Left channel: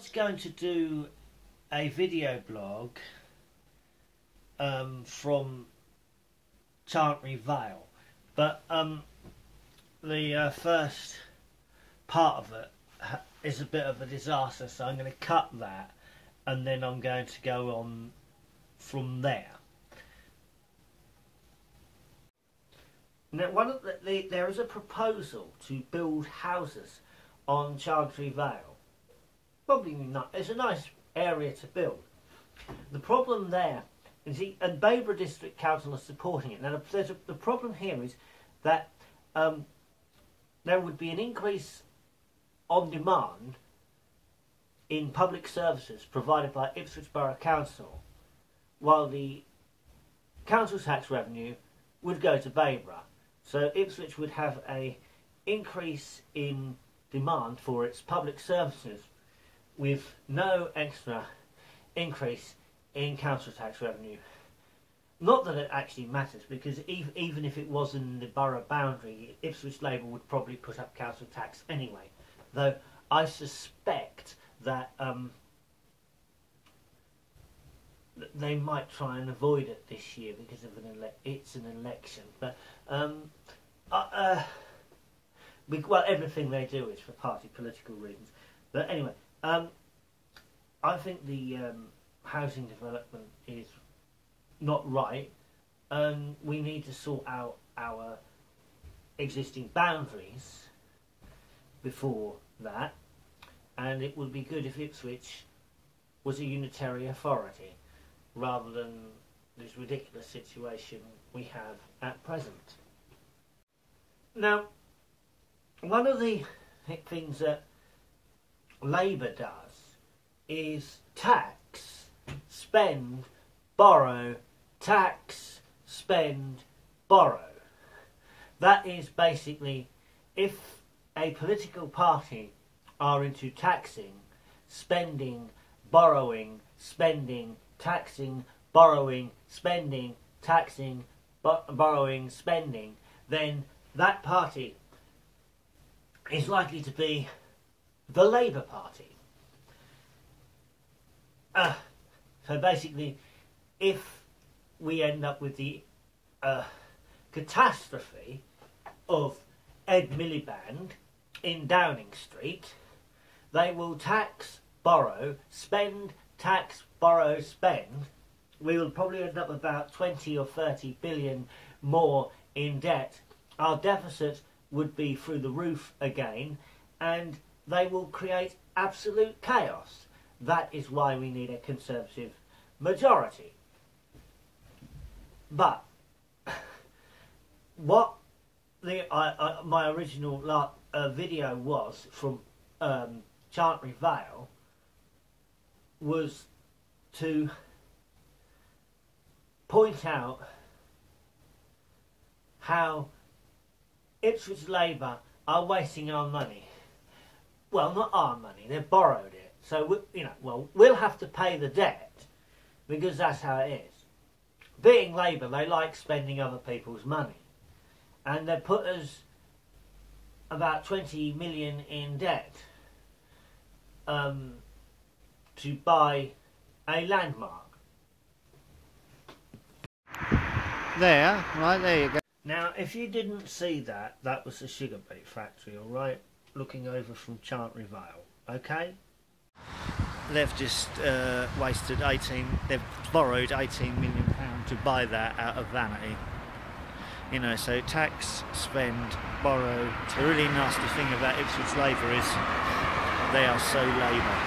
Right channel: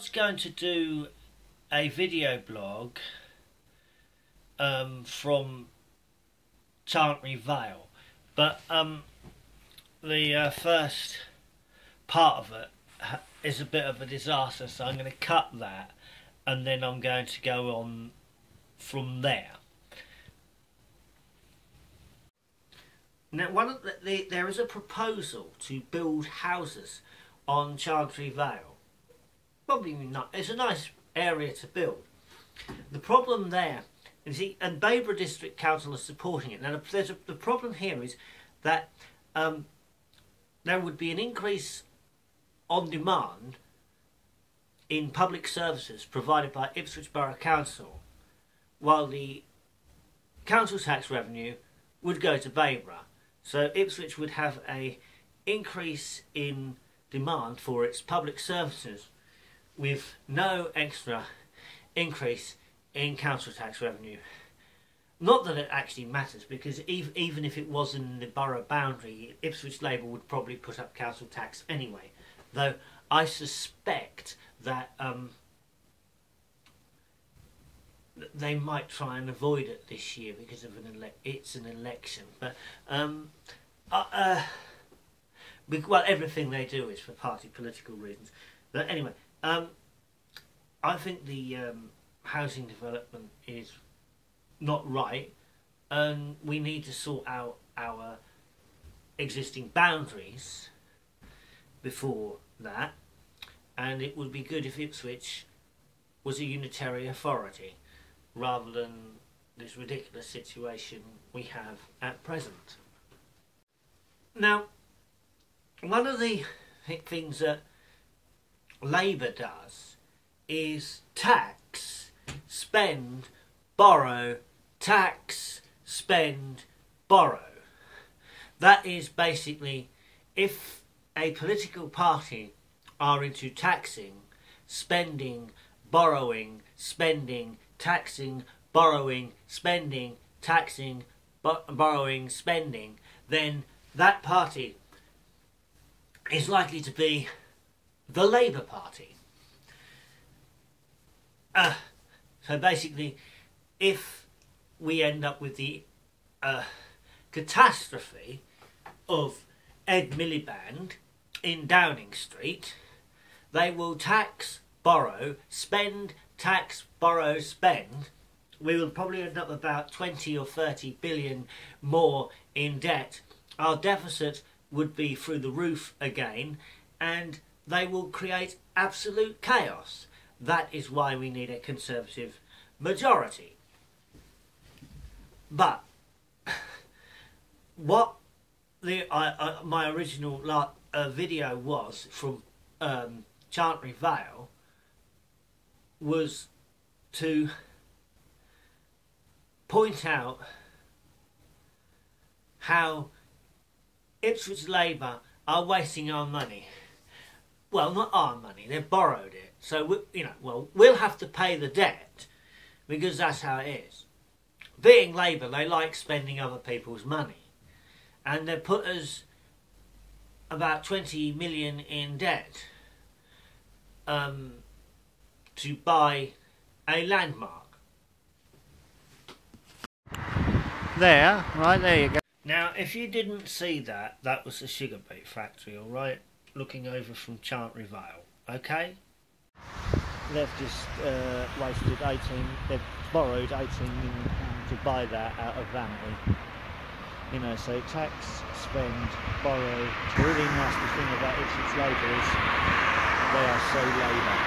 was going to do a video blog from Chantry Vale, but the first part of it is a bit of a disaster, so I'm going to cut that and then I'm going to go on from there. Now, there is a proposal to build houses on Chantry Vale. Probably not. It's a nice area to build. The problem there is, and Bayborough District Council are supporting it. Now, the problem here is that there would be an increase on demand in public services provided by Ipswich Borough Council, while the council tax revenue would go to Bayborough. So Ipswich would have an increase in demand for its public services with no extra increase in council tax revenue. Not that it actually matters, because even if it was in the borough boundary, Ipswich Labour would probably put up council tax anyway. Though I suspect that they might try and avoid it this year because of it's an election. But well, everything they do is for party political reasons. But anyway, I think the housing development is not right, and we need to sort out our existing boundaries before that. And it would be good if Ipswich was a unitary authority rather than this ridiculous situation we have at present. Now, one of the things that Labour does is tax, spend, borrow, tax, spend, borrow. That is basically, if a political party are into taxing, spending, borrowing, spending, taxing, borrowing, spending, taxing, borrowing, spending, then that party is likely to be the Labour Party. So basically, if we end up with the catastrophe of Ed Miliband in Downing Street, they will tax, borrow, spend, tax, borrow, spend. We will probably end up about 20 or 30 billion more in debt. Our deficit would be through the roof again, and they will create absolute chaos. That is why we need a Conservative majority. But what my original video was from Chantry Vale was to point out how Ipswich Labour are wasting our money. Well, not our money, they've borrowed it. So, we'll have to pay the debt, because that's how it is. Being Labour, they like spending other people's money. And they put us about 20 million in debt to buy a landmark. There, right there you go. Now, if you didn't see that, that was the sugar beet factory, alright? Looking over from Chantry Vale, okay? They've just they've borrowed £18 million to buy that out of vanity. So tax, spend, borrow. The really nasty thing about Ipswich Labour is they are so Labour.